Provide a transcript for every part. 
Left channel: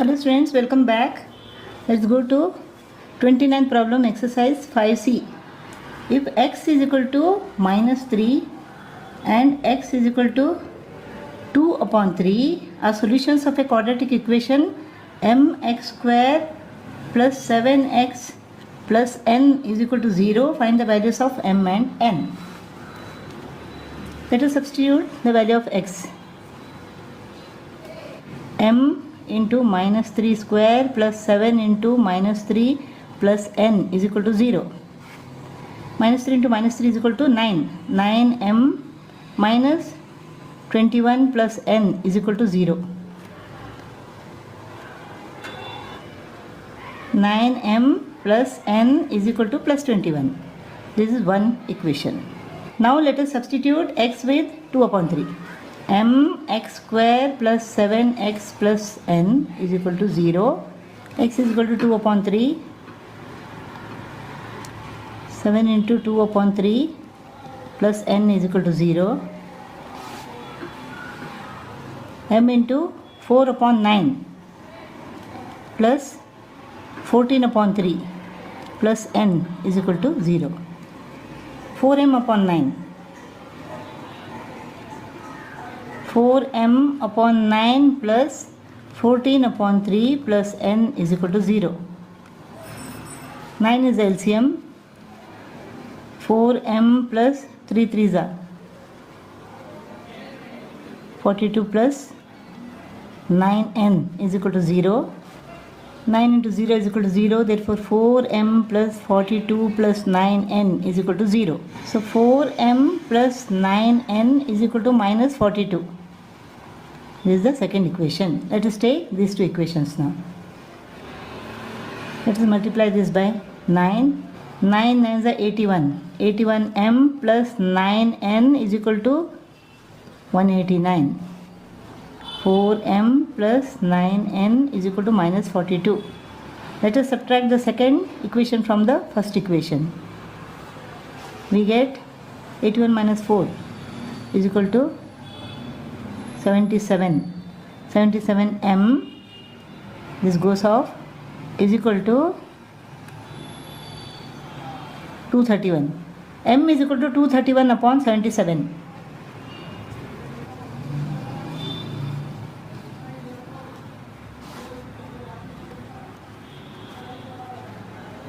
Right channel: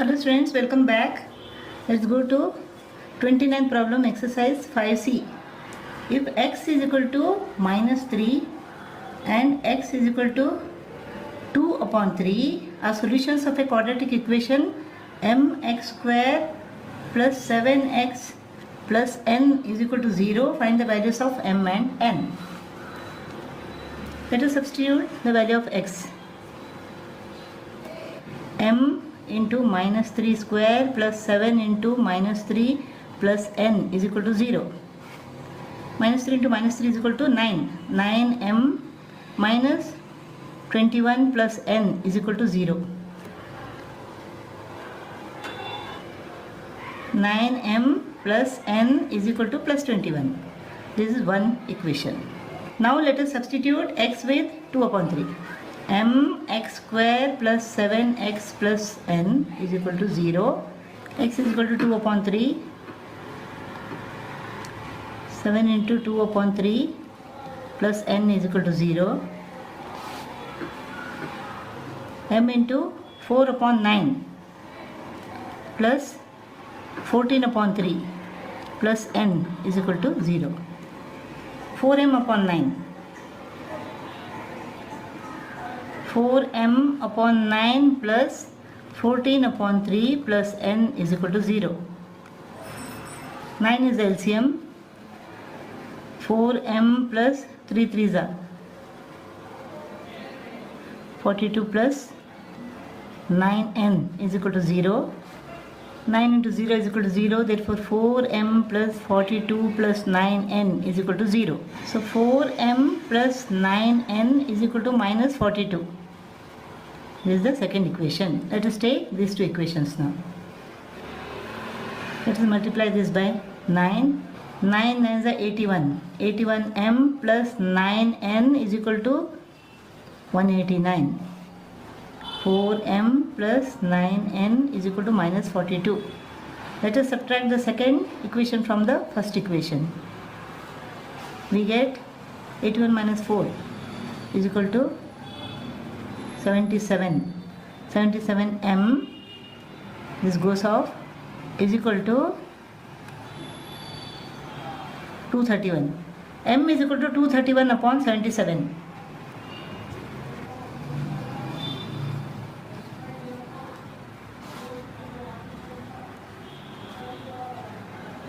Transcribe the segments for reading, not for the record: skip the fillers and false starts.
Hello students, welcome back. Let's go to 29th problem, exercise 5c. If x is equal to minus 3 and x is equal to 2 upon 3 are solutions of a quadratic equation mx square plus 7x plus n is equal to 0, find the values of m and n. Let us substitute the value of x. M into minus 3 square plus 7 into minus 3 plus n is equal to 0. Minus 3 into minus 3 is equal to 9. 9m minus 21 plus n is equal to 0. 9m plus n is equal to plus 21. This is one equation. Now let us substitute x with 2 upon 3. mx square plus 7x plus n is equal to 0. X is equal to 2 upon 3. 7 into 2 upon 3 plus n is equal to 0. M into 4 upon 9 plus 14 upon 3 plus n is equal to 0. 4m upon 9. 4m upon 9 plus 14 upon 3 plus n is equal to 0. 9 is LCM. 4m plus 3 3s are 42 plus 9n is equal to 0. 9 into 0 is equal to 0. Therefore 4m plus 42 plus 9n is equal to 0. So 4m plus 9n is equal to minus 42. This is the second equation. Let us take these two equations now. Let us multiply this by 9. 9 9 is 81. 81m plus 9n is equal to 189. 4m plus 9n is equal to minus 42. Let us subtract the second equation from the first equation. We get 81 minus 4 is equal to 77. 77m, this goes off, is equal to 231. M is equal to 231 upon 77.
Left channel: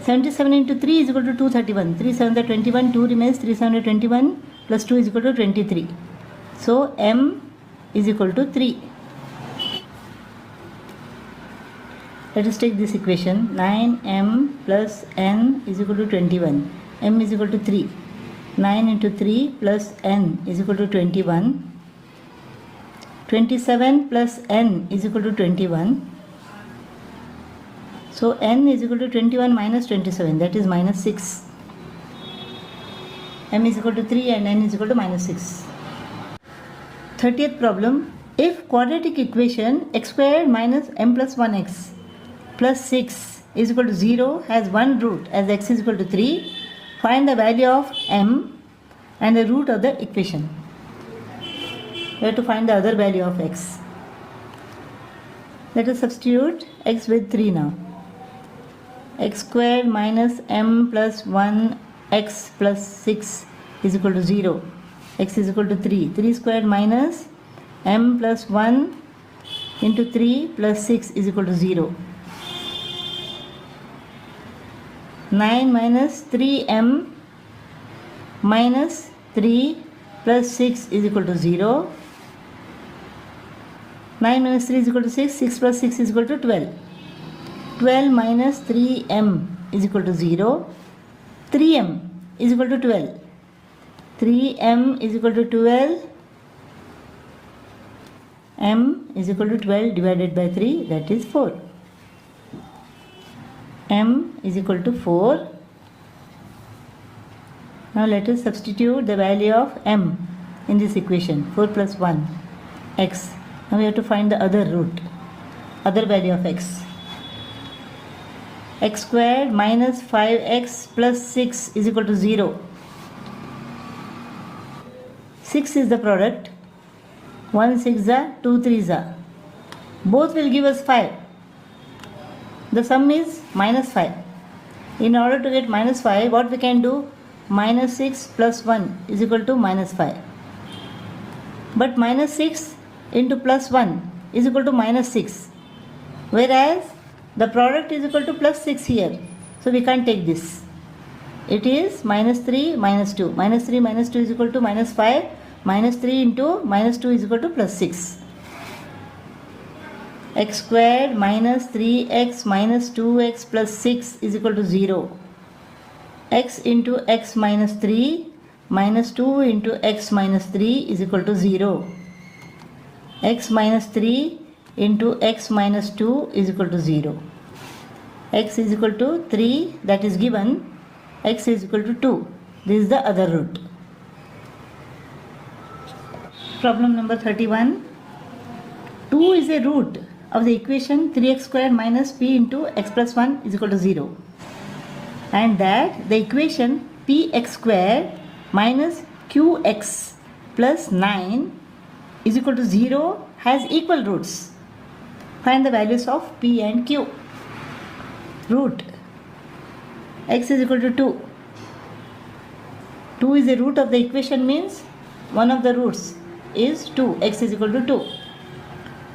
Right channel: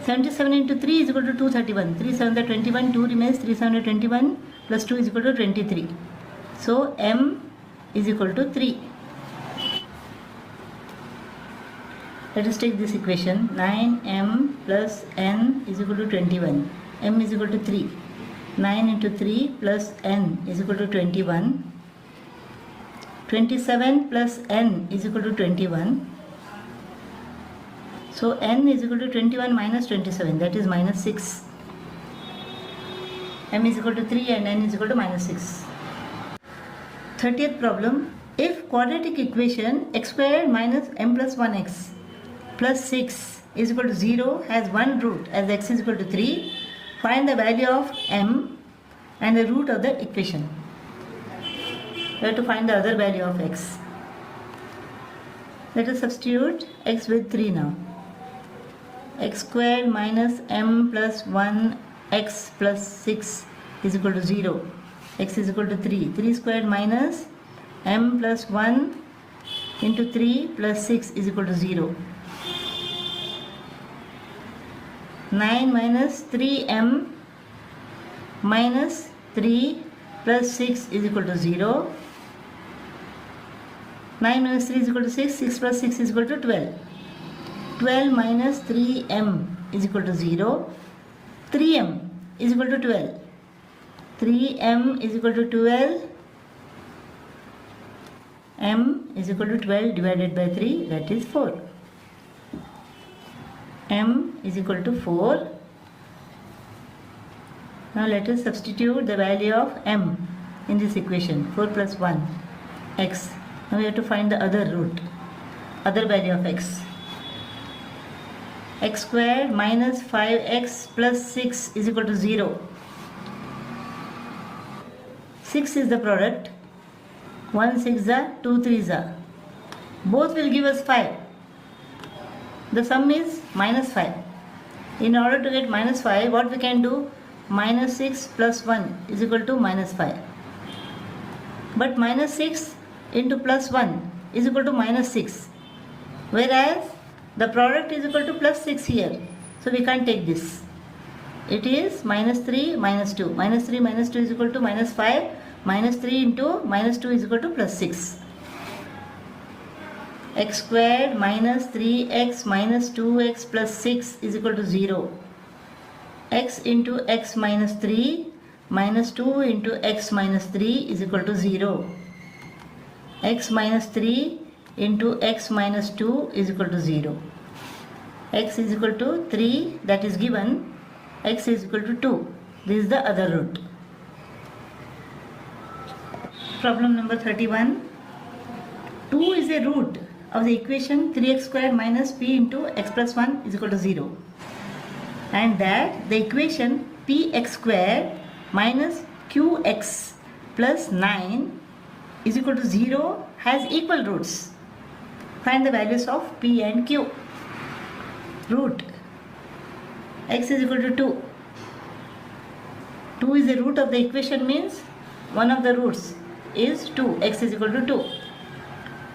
77 into 3 is equal to 231. 3 7 are 21. 2 remains. 3 7 are 21 plus 2 is equal to 23. So m is equal to 3. Let us take this equation. 9m plus n is equal to 21. M is equal to 3. 9 into 3 plus n is equal to 21. 27 plus n is equal to 21. So n is equal to 21 minus 27, that is minus 6. M is equal to 3 and n is equal to minus 6. 30th problem. If quadratic equation x squared minus m plus 1x plus 6 is equal to 0 has one root as x is equal to 3, find the value of m and the root of the equation. We have to find the other value of x. Let us substitute x with 3 now. X squared minus m plus 1x plus 6 is equal to 0. X is equal to 3. 3 squared minus m plus 1 into 3 plus 6 is equal to 0. 9 minus 3m minus 3 plus 6 is equal to 0. 9 minus 3 is equal to 6. 6 plus 6 is equal to 12. 12 minus 3m is equal to 0. 3m is equal to 12. 3m is equal to 12. M is equal to 12 divided by 3, that is 4. M is equal to 4. Now let us substitute the value of m in this equation. 4 plus 1, x. Now we have to find the other root, other value of x. X squared minus 5x plus 6 is equal to 0. 6 is the product. 1 6 are 2 3s are. Both will give us 5. The sum is minus 5. In order to get minus 5, what we can do? Minus 6 plus 1 is equal to minus 5. But minus 6 into plus 1 is equal to minus 6. Whereas the product is equal to plus 6 here. So we can't take this. It is minus 3 minus 2. Minus 3 minus 2 is equal to minus 5. Minus 3 into minus 2 is equal to plus 6. X squared minus 3x minus 2x plus 6 is equal to 0. X into x minus 3 minus 2 into x minus 3 is equal to 0. X minus 3 into x minus 2 is equal to 0. X is equal to 3, that is given. X is equal to 2. This is the other root. Problem number 31. 2 is a root of the equation 3x squared minus p into x plus 1 is equal to 0. And that the equation px squared minus qx plus 9 is equal to 0 has equal roots. Find the values of p and q. Root x is equal to 2. 2 is the root of the equation, means one of the roots is 2. X is equal to 2.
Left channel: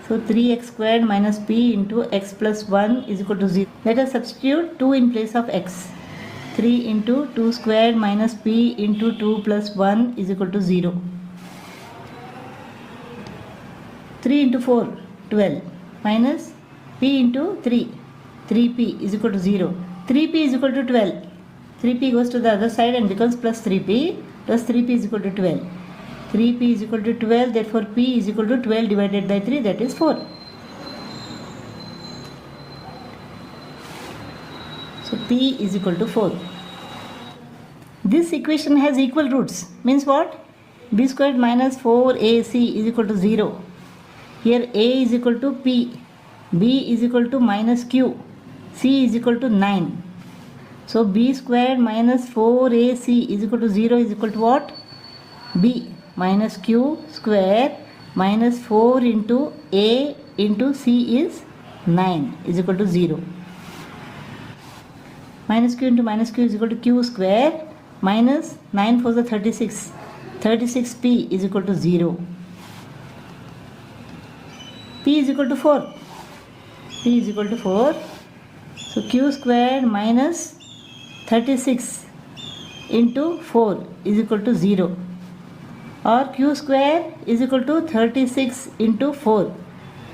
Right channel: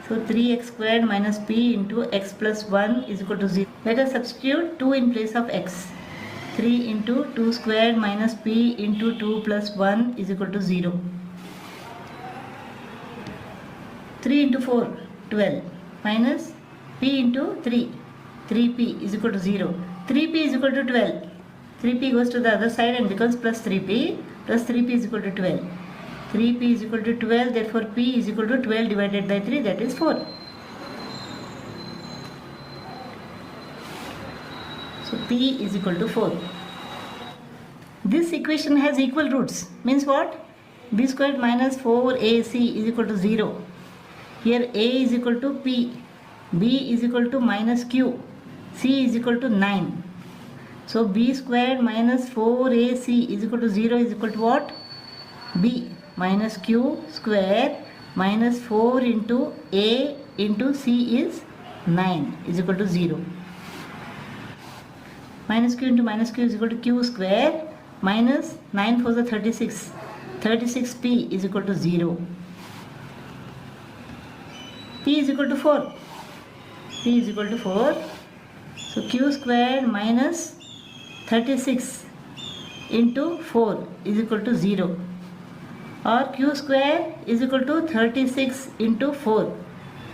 So 3x squared minus p into x plus 1 is equal to 0. Let us substitute 2 in place of x. 3 into 2 squared minus p into 2 plus 1 is equal to 0. 3 into 4, 12 minus p into 3, 3p is equal to 0. 3p is equal to 12. 3p goes to the other side and becomes plus 3p. Plus 3p is equal to 12. 3p is equal to 12, therefore p is equal to 12 divided by 3, that is 4. So p is equal to 4. This equation has equal roots. Means what? B squared minus 4ac is equal to 0. Here a is equal to p, b is equal to minus q, c is equal to 9. So b squared minus 4ac is equal to 0 is equal to what? B minus q square minus 4 into a into c is 9 is equal to 0. Minus q into minus q is equal to q square minus 9 4 is 36. 36p is equal to 0. P is equal to 4. P is equal to 4. So q square minus 36 into 4 is equal to 0. Or q square is equal to 36 into 4.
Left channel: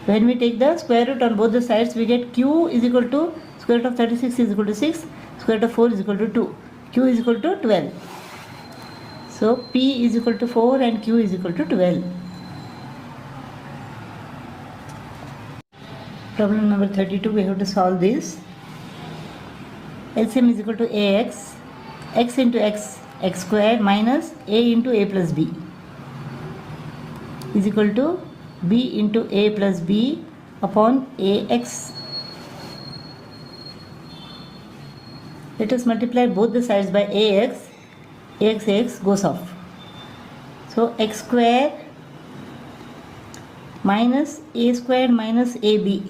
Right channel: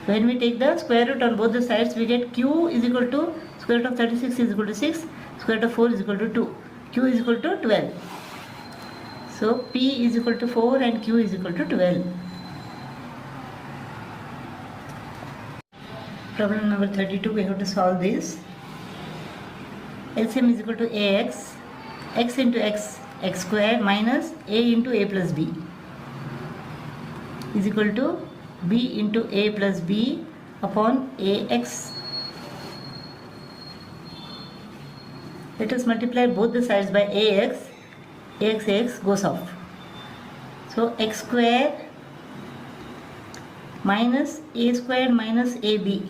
When we take the square root on both the sides, we get q is equal to square root of 36 is equal to 6, square root of 4 is equal to 2. Q is equal to 12. So p is equal to 4 and q is equal to 12. Problem number 32, we have to solve this. LCM is equal to ax, x into x, x square minus a into a plus b is equal to b into a plus b upon ax. Let us multiply both the sides by ax. Ax goes off. So x square minus a square minus ab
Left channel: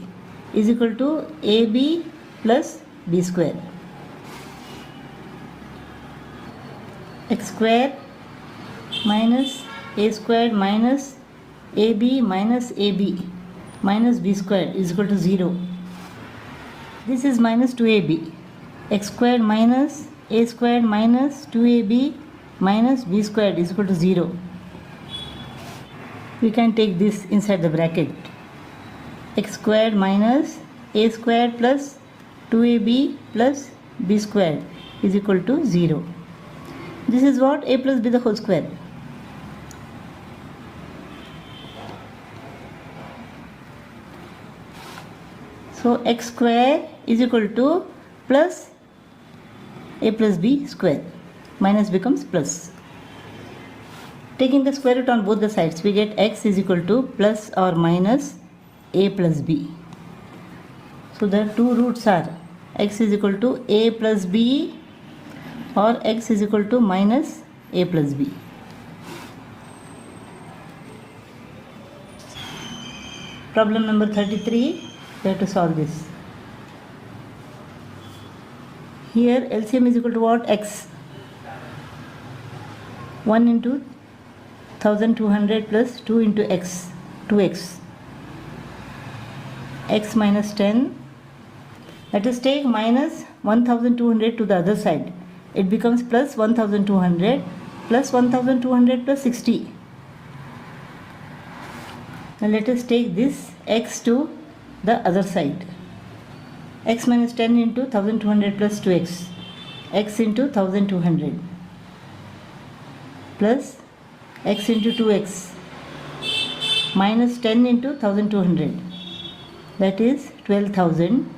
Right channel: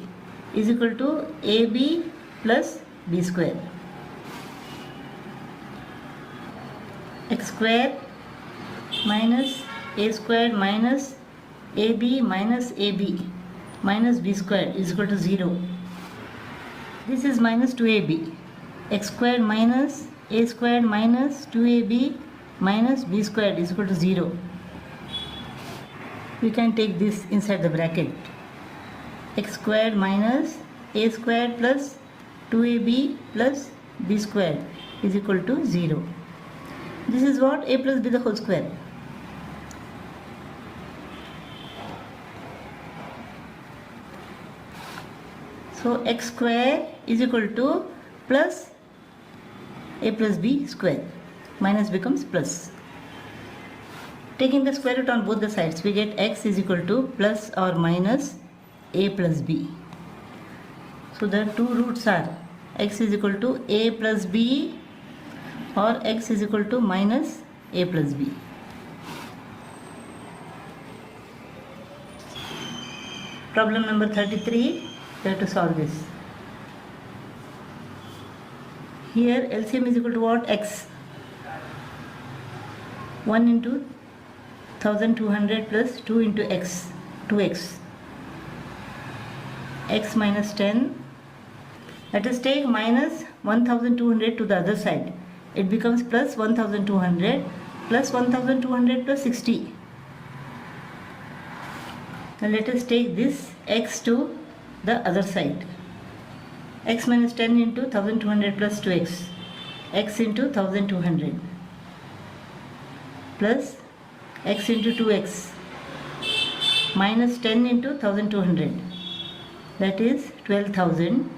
is equal to ab plus b square. X square minus a square minus ab minus ab minus b square is equal to 0. This is minus 2ab. X square minus a square minus 2ab minus b square is equal to 0. We can take this inside the bracket. X square minus a square plus 2ab plus b square is equal to 0. This is what? A plus b the whole square. So x square is equal to plus a plus b square. Minus becomes plus. Taking the square root on both the sides, we get x is equal to plus or minus a plus b. So the two roots are x is equal to a plus b or x is equal to minus a plus b. Problem number 33, we have to solve this. Here LCM is equal to what? X. 1 into 1200 plus 2 into x, 2x. X minus 10. Let us take minus 1200 to the other side. It becomes plus 1200 plus 1200 plus 60. Now let us take this x to the other side. X minus 10 into 1200 plus 2x. X into 1200 plus x into 2x minus 10 into 1200, that is 12,000,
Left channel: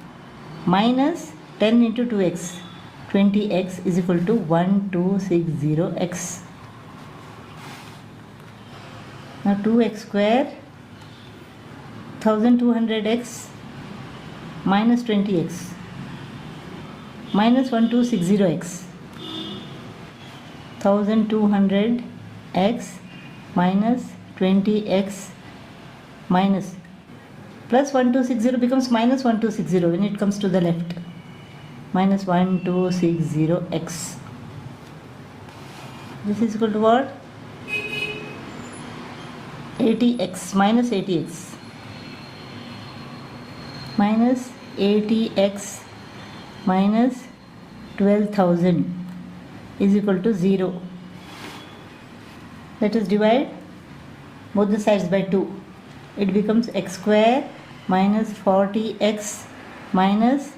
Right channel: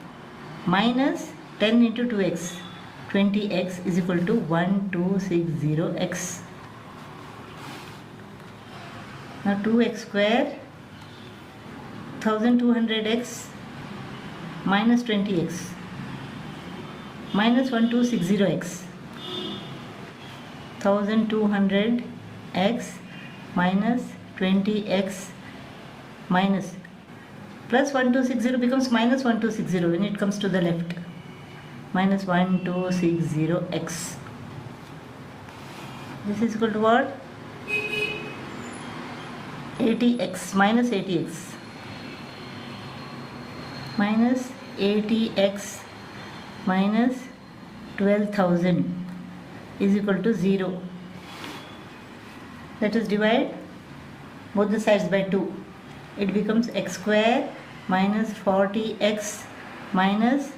minus 10 into 2x, 20x is equal to 1260x. Now 2x square, 1200x minus 20x minus 1260x. 1200x minus 20x minus plus 1260 becomes minus 1260 when it comes to the left. Minus 1260x. This is equal to what? 80x minus 80x. Minus 80x minus 12,000 is equal to 0. Let us divide both the sides by 2. It becomes x square minus 40x minus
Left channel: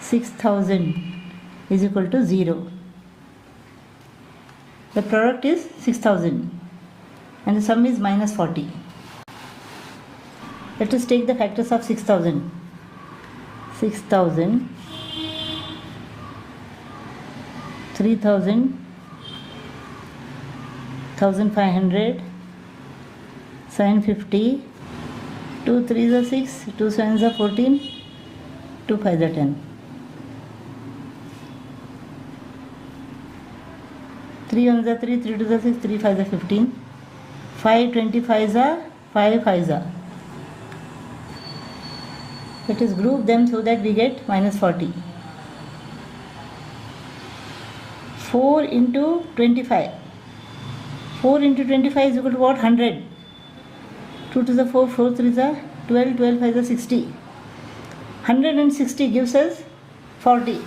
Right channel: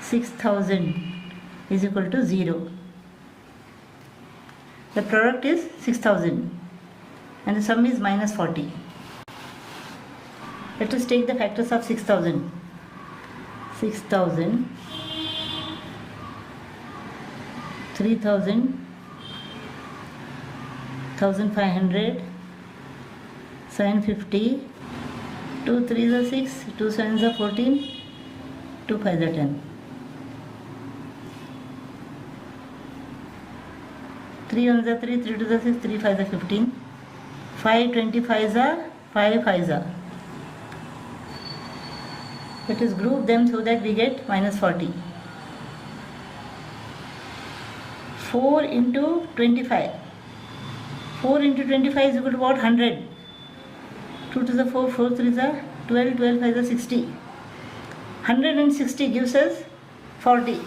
6,000 is equal to 0. The product is 6,000 and the sum is minus 40. Let us take the factors of 6,000. 6,000, 3,000, 1,500, 750, 2 3s are 6, 2 7s are 14, 2 5s are 10. 3 1s are 3, 3 2s are 6, 3 5s are 15, 5 25s are 5 5s are. Let us group them so that we get minus 40. 4 into 25. 4 into 25 is equal to what? 100. 2 to the 4, 4 3s are 12, 12 5s are 60. 160 gives us 40.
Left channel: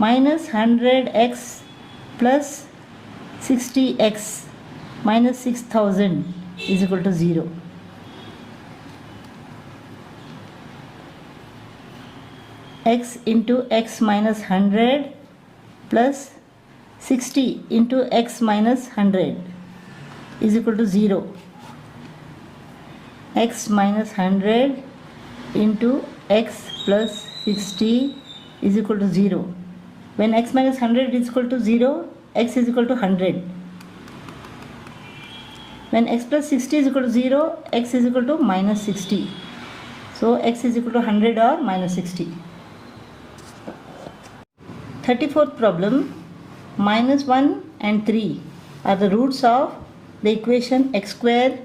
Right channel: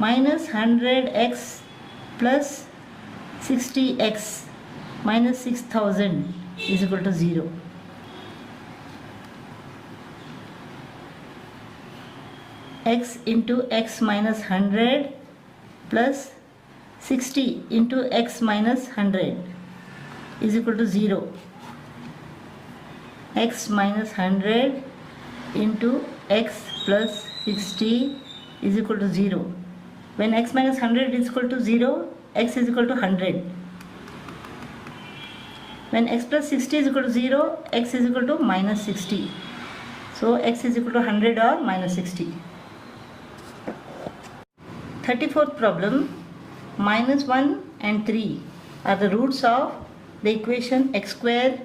Minus 100x plus 60x minus 6,000 is equal to 0. X into x minus 100 plus 60 into x minus 100 is equal to 0. X minus 100 into x plus 60 is equal to 0. When x minus 100 is equal to 0, x is equal to 100. When x plus 60 is equal to 0, x is equal to minus 60. So x is equal to 100 or minus 60. 34th problem, minus 1 and 3 are the roots of the equation x square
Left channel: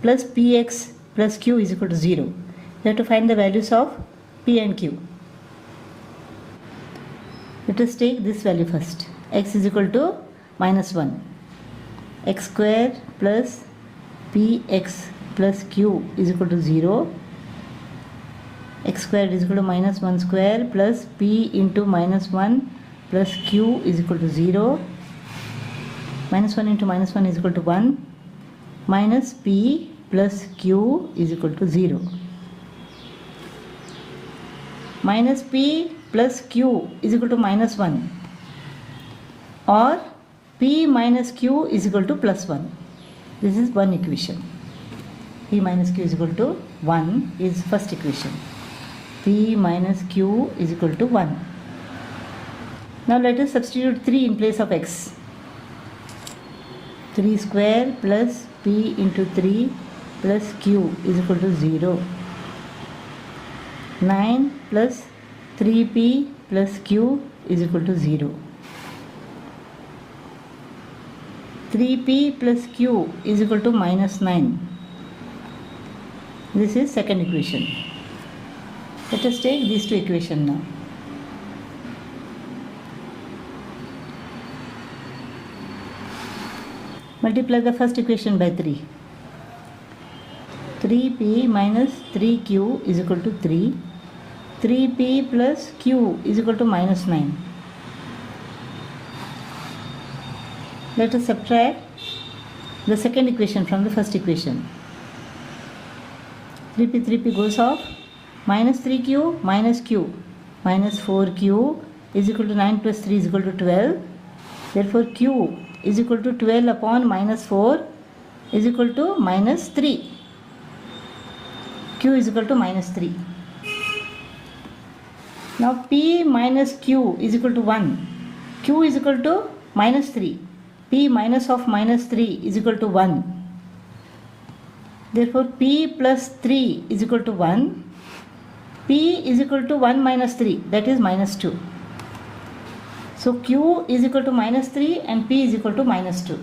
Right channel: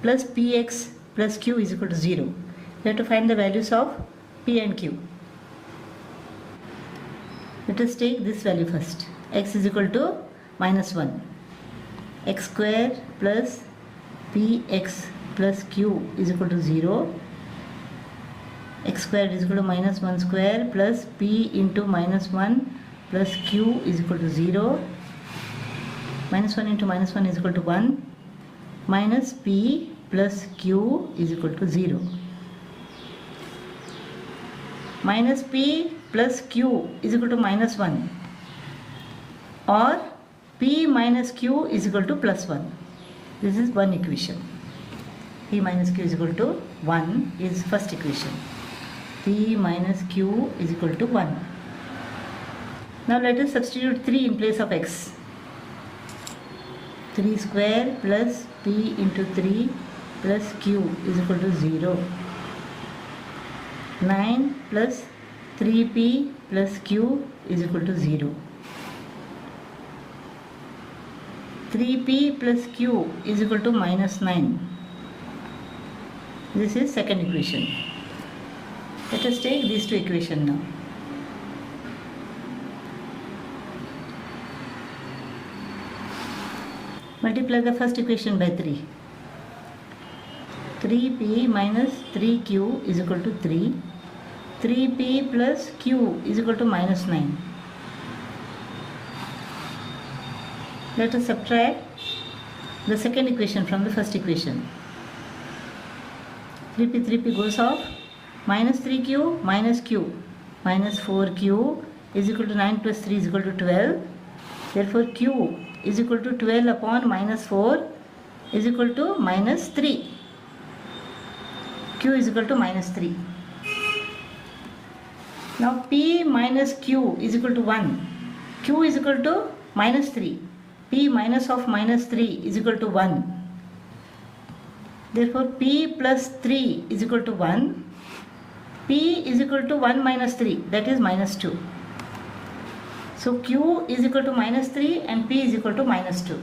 plus px plus q is equal to 0. We have to find the values of p and q. Let us take this value first. X is equal to minus 1. X square plus px plus q is equal to 0. X square is equal to minus 1 square plus p into minus 1 plus q is equal to 0. Minus 1 into minus 1 is equal to 1. Minus p plus q is equal to 0. Minus p plus q is equal to minus 1. Or p minus q is equal to plus 1. This is one equation. P minus q is equal to 1 is first equation. P minus q is equal to 1. Now let us substitute 3 in place of x. 3 square plus p into 3 plus q is equal to 0. 9 plus 3p plus q is equal to 0. 3p plus q is equal to minus 9. This is second equation. Let us take these two equations now. Multiply the first equation by 3. 3p minus 3q is equal to 3. 3p plus q is equal to minus 9. Let us subtract the second equation from the first equation. 3p goes off. Minus 3q minus q. Minus 4q is equal to 9 plus 3 is equal to 12. Therefore q is equal to 12 upon minus 4 is equal to minus 3. Q is equal to minus 3. Now p minus q is equal to 1. Q is equal to minus 3. P minus of minus 3 is equal to 1. Therefore p plus 3 is equal to 1. P is equal to 1 minus 3, that is minus 2. So q is equal to minus 3 and p is equal to minus 2.